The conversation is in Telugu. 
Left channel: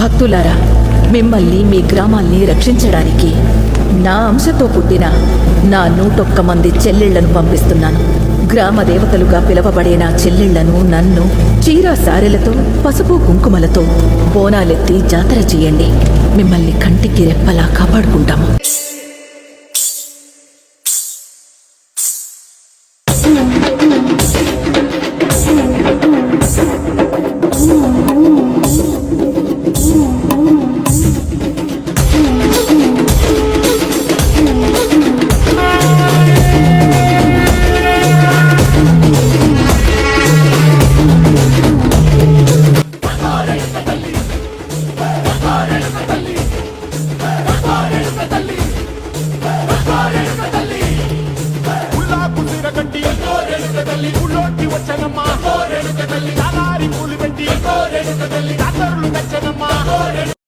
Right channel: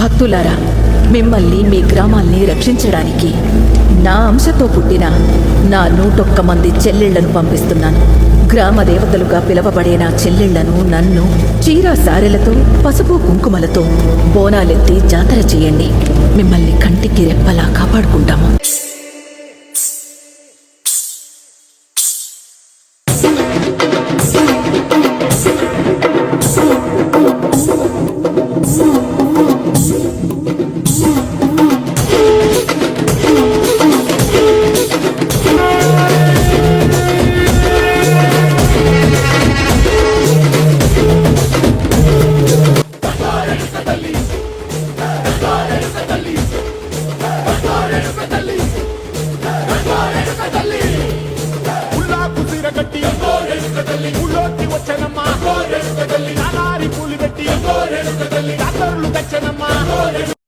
భక్తులారా, మిమ్మల్ని మీ గ్రామాల్ని రక్షించడానికి నా అంశతో పుట్టిన నా 101 మంది చెల్లెళ్లను పంపిస్తున్నాను. గ్రామ దేవతలుగా పిలవబడే నా చెల్లెళ్లను నన్ను చీరా సారెలతో పసుపు కుంకుమలతో బోనాలెత్తి జాతర చేయండి. మిమ్మల్ని కంటికి రెప్పలా కాపాడుకుంటాము. కట్టి ఊళ్ళోకి వచ్చనమ్మా, చాలారి పూలు పెట్టి జాతరలు తెచ్చనమ్మా.